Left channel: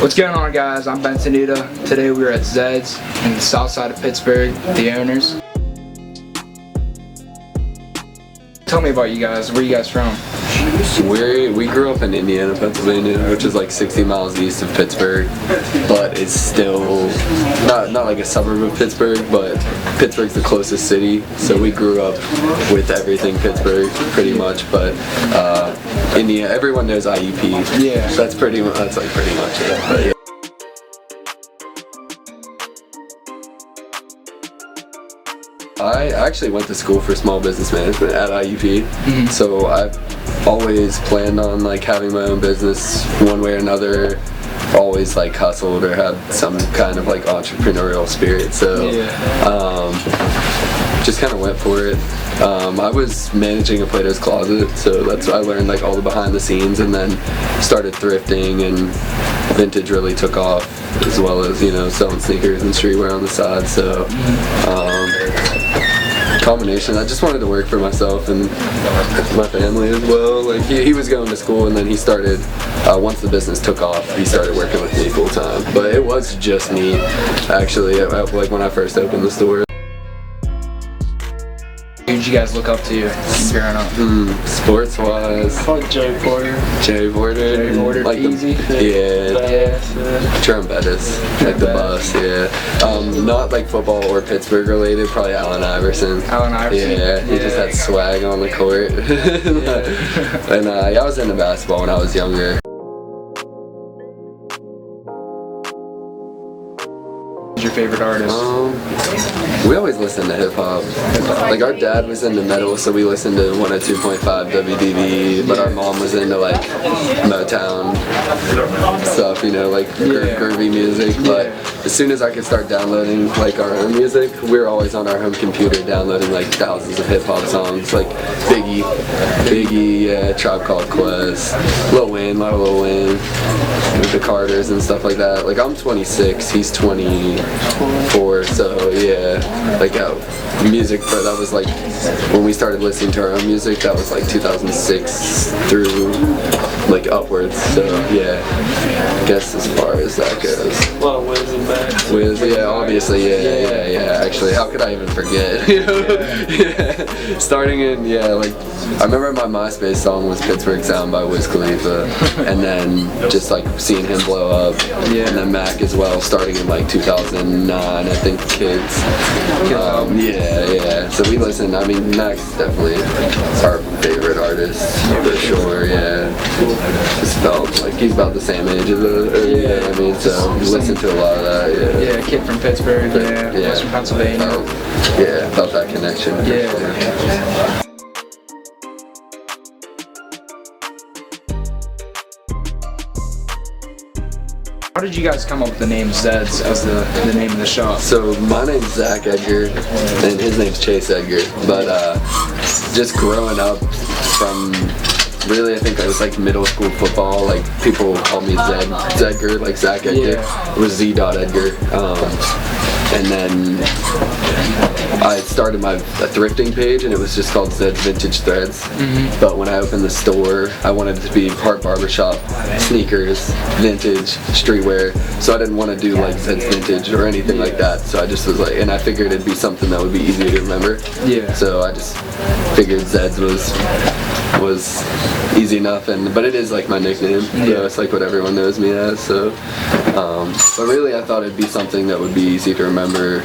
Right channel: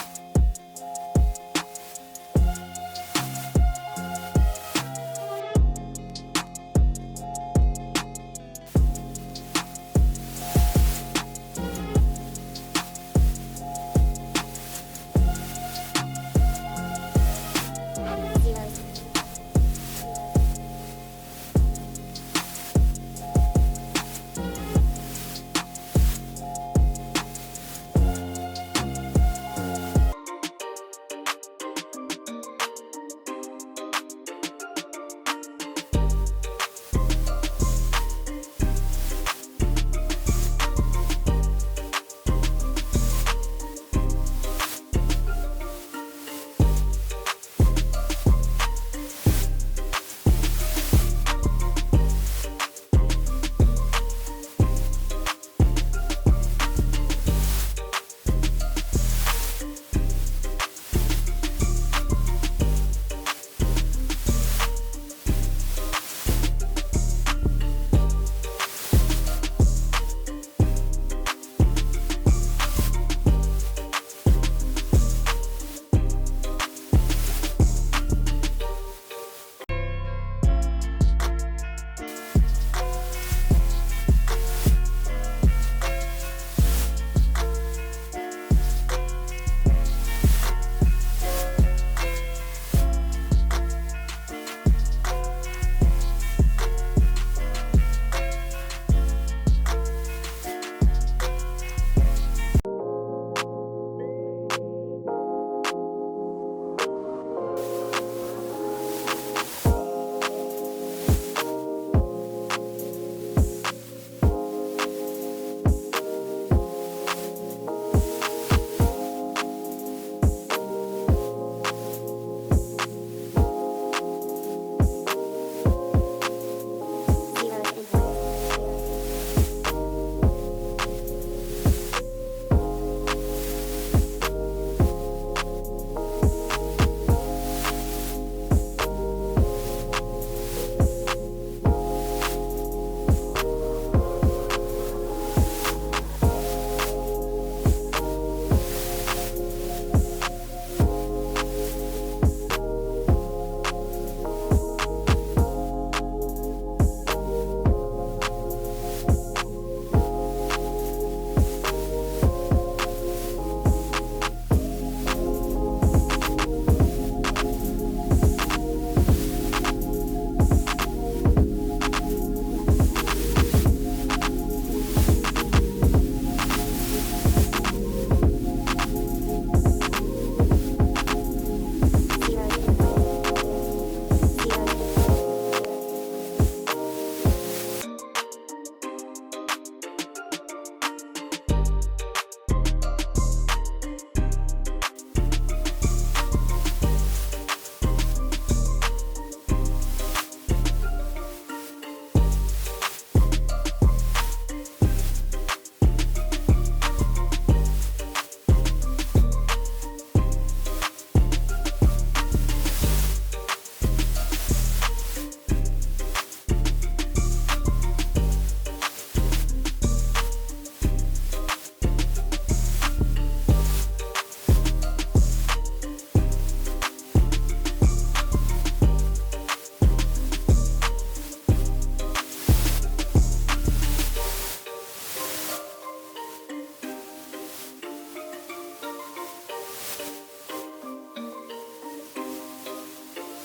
What's going on, guys? I'm Tenuta. Today we're at Zeds in the south side of Pittsburgh, the owners. Tell me about you guys. Where are you guys from? We grew up in Indiana, Pennsylvania, which is like 60 miles east of Pittsburgh, but it's still not like a suburb of Pittsburgh, but Pittsburgh's the closest city, so we grew up with everything Pittsburgh pretty much. But Indiana, everyone knows IUP. Yeah. That's like pretty much it. But, yeah. I actually went to school for small business management at IUP, so I've always planned on like having my own business one way or another. Always like hustled or had some kind of like entrepreneurial spirit, so just kind of went for it. I was managing a Plato's Closet, so that's why I learned like all the behind the scenes, and then started thrifting, and vintage really took off, as well as, you know, selling sneakers and streetwear on the side. So combination. I just wanted to work for myself and my family as well. Like he was going to school, and then he started, once the business took off, he started working with me full time. But it was just me, actually, like when I first opened the store. Who did you guys look up to growing up? Sports-wise, Jerry Porter. Jerry Porter, like easy. Jerome Bettis, like the bus, yeah. Not like football or Pittsburgh related, probably Allen Iverson. Yeah, he just had swag on the court. And I was into basketball when I was younger. Who's your favorite artist? We always listen to hip hop. Like our dad was into metal, so we listened to 102.5 WDB, but our mom was into like Motown stuff, you know, like groovy music. But as soon as I could start downloading like our own music, we were always on our home computer downloading like thousands of hip hop songs, like Biggie, yeah, Tribe Called Quest, Lil Wayne, with the Carters and stuff like that. Like I'm 26, he's 24, so yeah, like music, but that was like when we started listening to our own music, that was like 2006 through like upwards, so yeah, I guess as far as that goes. Well, Wiz and Max. Wiz, yeah, obviously, yeah, actually, how could I even forget? Yeah, starting in, like, I remember my MySpace song was Pittsburgh Sound by Wiz Khalifa, and then just like seeing him blow up, and then Mac as well, starting in like 2009, I think, Kids. Yeah, so we listened. I mean, Mac's definitely our favorite artist, for sure, yeah. Just felt like he's about the same age as us, I mean, so we listened to a lot of that, Yeah, kid from Pittsburgh, Western Pennsylvania. Felt that connection. Yeah. How did you guys come up with the name Zeds as the name of the shop? So my name's Zach Edgar, and his name's Chase Edgar. But just growing up from really, I think I was like middle school football, like people call me Zedgar, like Zach Edgar. It was Z. Edgar. And then I started my thrifting page, and it was just called Zed's Vintage Threads. But when I opened the store, I wanted it to be part barbershop, sneakers, vintage, streetwear. So I didn't want to do like Zed's Vintage or anything like that. So I just was like, and I figured it'd be something that would be easy to remember. Yeah. So I just figured Zed's was easy enough, but it is like my nickname. So it's like what everyone knows me as. So, but really, I thought it'd be something that would be easy to remember.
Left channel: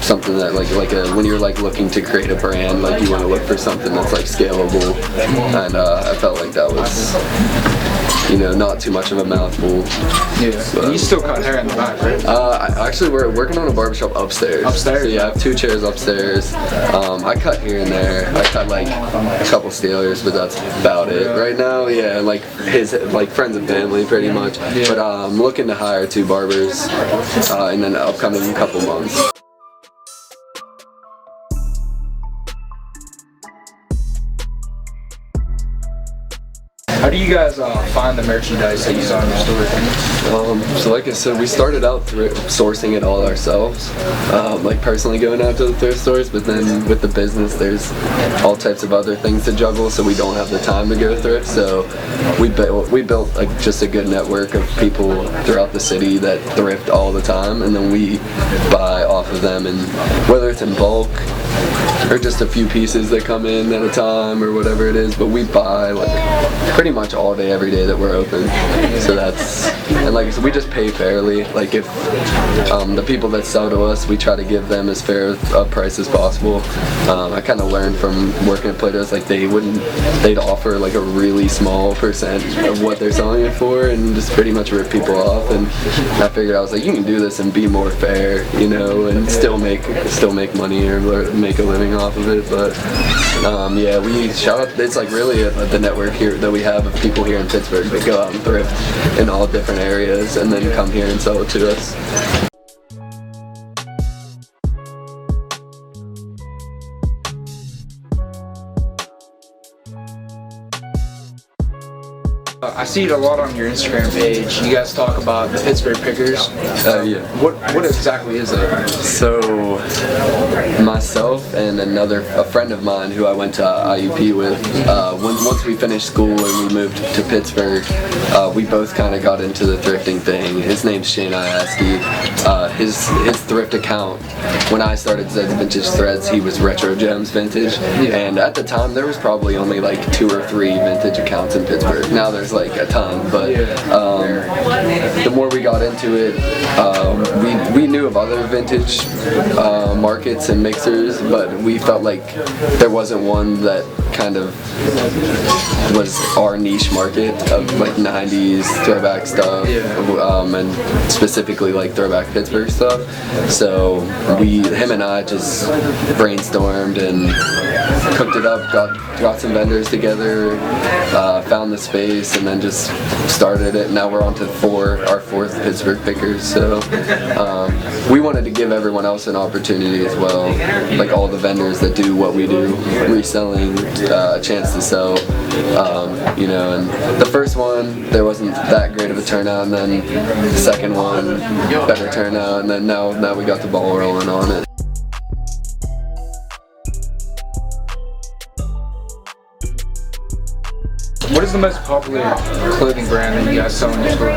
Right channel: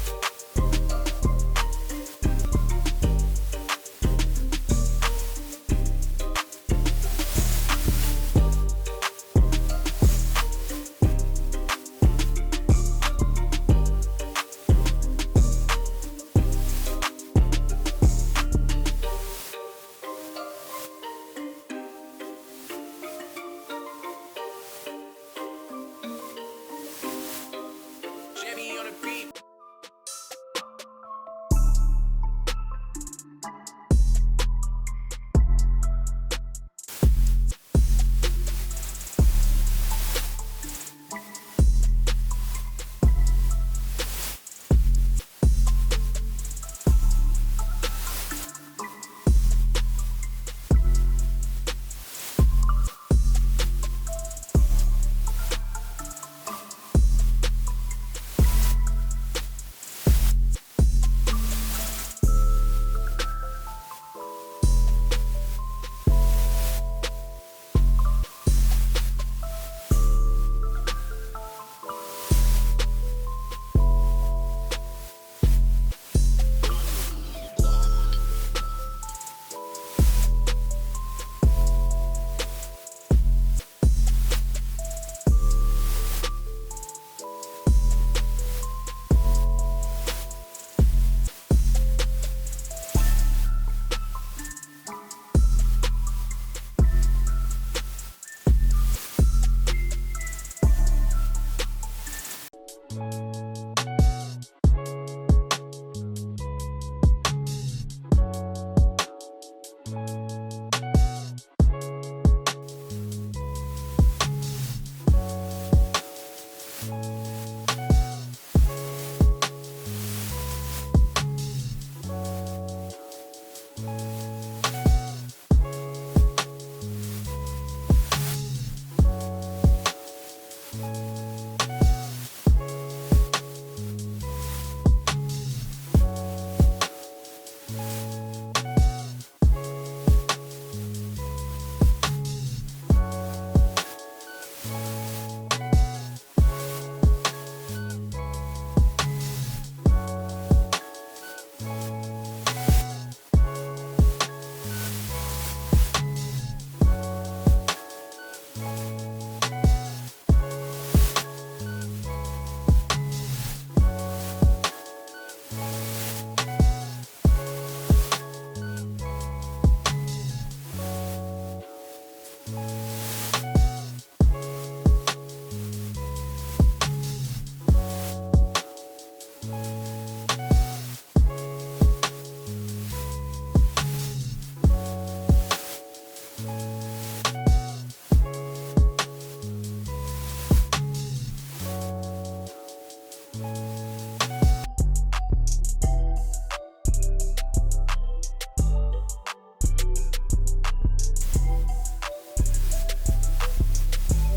Something that when you're like looking to create a brand, like you want to look for something that's like scalable, and I felt like that was, you know, not too much of a mouthful. Yeah. So, you still cut hair in the back, right? Actually, we're working on a barbershop upstairs. Upstairs? So yeah, I have 2 chairs upstairs. I cut here and there. I cut like a couple Steelers, but that's about it right now. Yeah, like his friends and family, pretty much. Yeah. But I'm looking to hire 2 barbers in the upcoming couple months. How do you you guys find the merchandise that you saw in your store? So like I said, we started out sourcing it all ourselves, like personally going out to the thrift stores, but then with the business there's all types of other things to juggle, so we don't have the time to go thrift. So we built like just a good network of people throughout the city that thrift all the time, and then we buy off of them, and whether it's in bulk or just a few pieces that come in at a time or whatever it is, but we buy like pretty much all day every day that we're open. So that's, and like I said, we just pay fairly. Like if the people that sell to us, we try to give them as fair a price as possible. I kind of learned from working at Plato's, like they'd offer like a really small percent of what they're selling it for and just pretty much rip people off. And I figured, I was like, you can do this and be more fair, you know, and still make money or make a living off of it. But yeah, we shout out, it's like really the network here that we have of people here in Pittsburgh that go out and thrift in all different areas and then come here and sell it to us. I see it a lot on your Instagram page. You guys talk about the Pittsburgh Pickers. Yeah. What exactly is it? So myself and a friend of mine who I went to IUP with, once we finished school and we moved to Pittsburgh, we both kind of got into the thrifting thing. His name's Shane Iaski. His thrift account, when I started Zeds Vintage Threads, he was Retro Gems Vintage, and at the time there was probably only like 2 or 3 vintage accounts in Pittsburgh. Now there's like a ton, but the more we got into it, we knew of other vintage markets and mixers, but we felt like there wasn't one that kind of was our niche market of like 90s throwback stuff, and specifically like throwback Pittsburgh stuff. So him and I just brainstormed and cooked it up, got some vendors together, found the space, and then just started it. Now we're on to our fourth Pittsburgh Pickers. So we wanted to give everyone else an opportunity as well, like all the vendors that do what we do, reselling, a chance to sell. You know, and the first one there wasn't that great of a turnout, and then the second one better turnout, and then now we got the ball rolling on it. What is the most popular clothing brand that you guys sell in your store?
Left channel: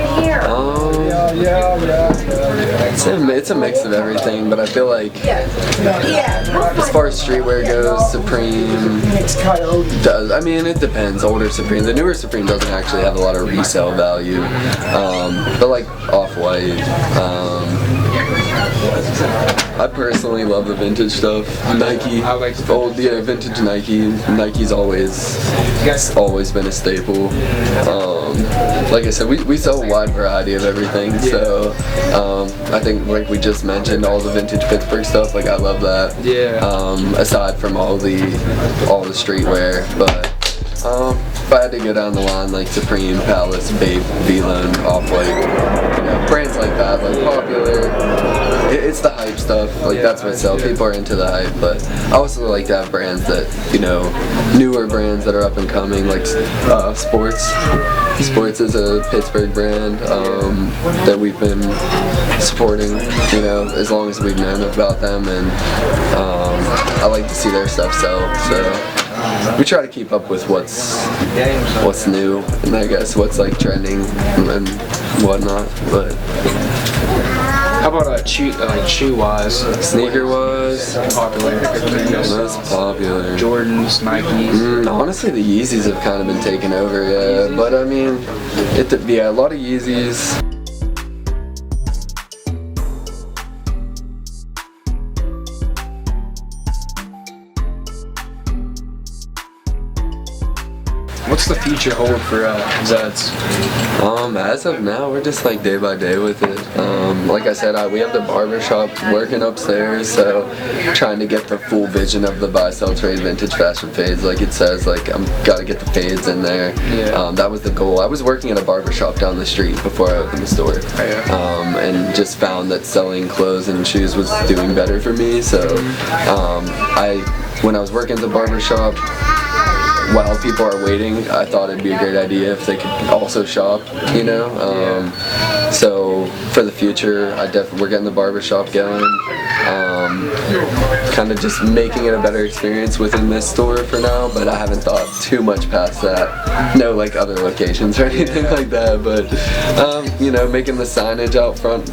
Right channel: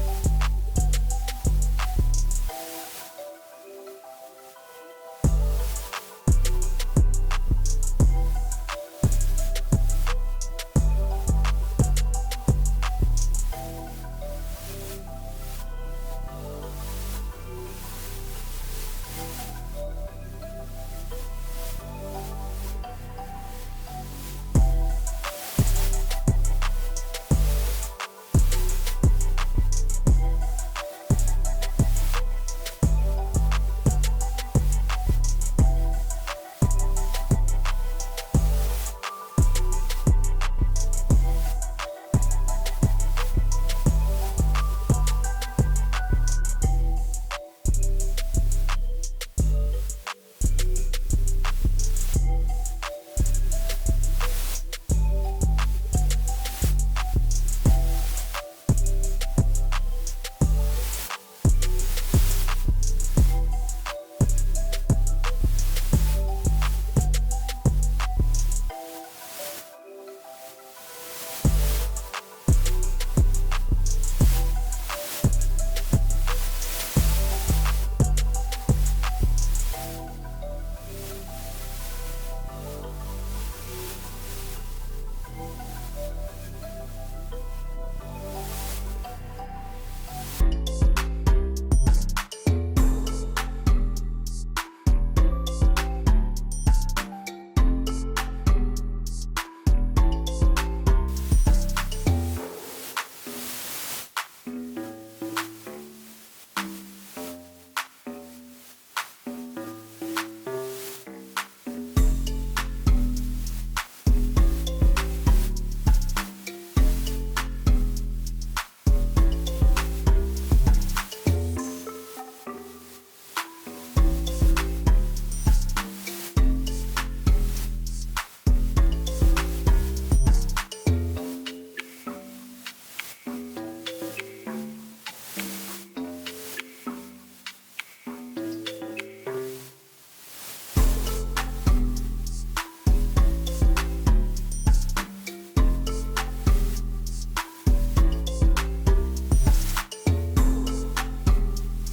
It's a mix of everything, but I feel like as far as streetwear goes, Supreme does. I mean, it depends. Older Supreme, the newer Supreme doesn't actually have a lot of resale value, but like Off-White. I personally love the vintage stuff. Nike, vintage Nike. Nike's always been a staple. Like I said, we sell a wide variety of everything. So I think, like we just mentioned, all the vintage Pittsburgh stuff. Like I love that. Yeah. Aside from all the streetwear, but if I had to go down the line, like Supreme, Palace, Bape, V-Lone, Off-White, brands like that, like popular. It's the hype stuff, like that's what sells. People are into the hype, but I also like to have brands that, you know, newer brands that are up and coming, like Sports. Sports is a Pittsburgh brand that we've been supporting, you know, as long as we've known about them, and I like to see their stuff sell, so we try to keep up with what's new, and I guess what's like trending and whatnot, but how about shoe-wise? Sneaker-wise? Popular. Most popular. Jordans, Nikes. Honestly, the Yeezys have kind of been taken over, yeah. But I mean, a lot of Yeezys. What's the future hold for Zeds? As of now, we're just like day by day with it. Like I said, we have the barbershop working upstairs, so trying to get the full vision of the buy, sell, trade, vintage, fashion fades. Like it says, like I'm gotta get the fades in there. Yeah. That was the goal. I was working at a barbershop down the street before I opened the store, and just found that selling clothes and shoes was doing better for me. So when I was working at the barbershop, while people are waiting, I thought it'd be a great idea if they could also shop, you know. So for the future, we're getting the barbershop going. Kind of just making it a better experience within this store for now, but I haven't thought too much past that. No like other locations or anything like that, but you know, making the signage out front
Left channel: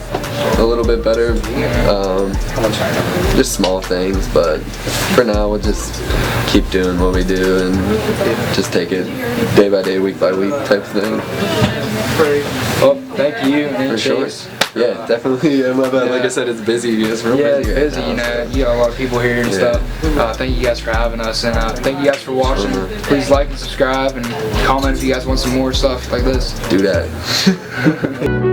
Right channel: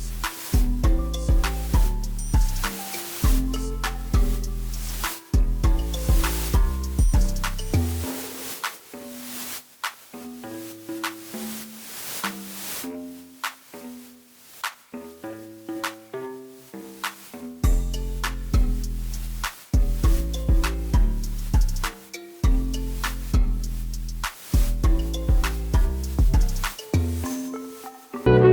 a little bit better. Just small things, but for now we'll just keep doing what we do and just take it day by day, week by week type of thing. Well, thank you. For sure. Yeah, definitely. Yeah, my bad. Like I said, it's busy. It's real it's busy. busy. You know, you got a lot of people here and stuff. Thank you guys for having us, and thank you guys for watching. Please like and subscribe and comment if you guys want some more stuff like this. Do that.